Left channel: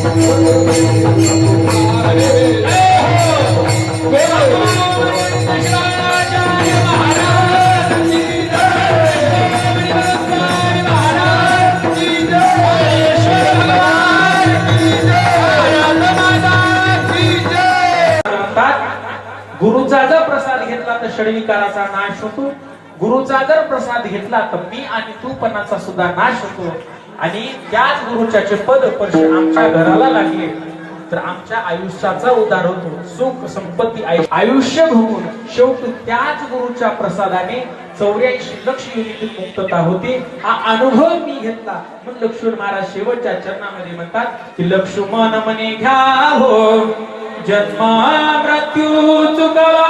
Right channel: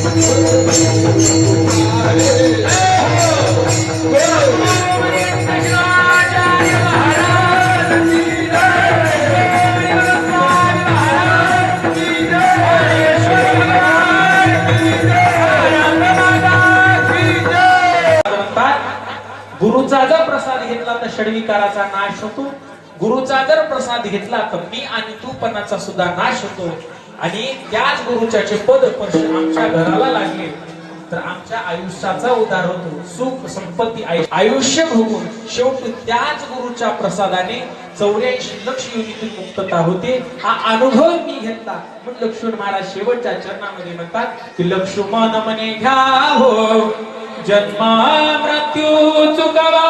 गुरुचा जर प्रसाद घेतला तर षडविकाराचा नाश होतो. गुरुचा जर प्रसाद घेतला तर मी आणि तूपणाचा सुद्धा नाश होतो. आणि त्याच गुरुच्याचे पद स्पर्श आमच्या घराला लागले. तर आमच्या आयुष्याचा उद्धार होतो. सुख संपत्ती आयुष्य भोगून शेवटी त्याच गुरुच्या प्रसादाने चौऱ्याऐंशी लक्ष युनिटी मुक्तता होते. हा अनुभव मी घेतला. म्हणून लक्ष्मण महाराज शेवटच्या चरणामध्ये म्हणतात की लक्ष्मण म्हणे घ्या हो. जन्म मृत्यू चुकवा.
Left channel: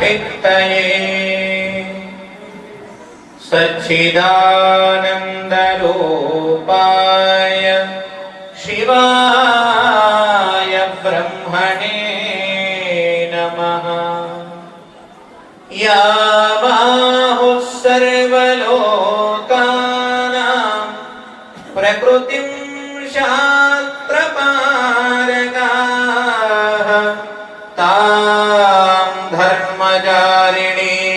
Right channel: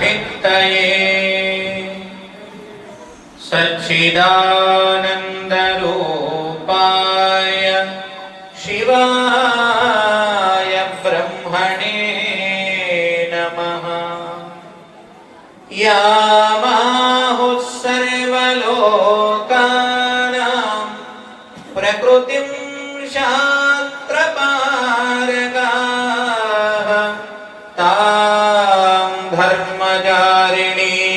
भित्तये सच्चिदानन्दरूपाय शिवाय ब्रह्मणे नमः। सर्वलोकानां प्रकृतिं शास्त्रपारगा धर्मचारिणी।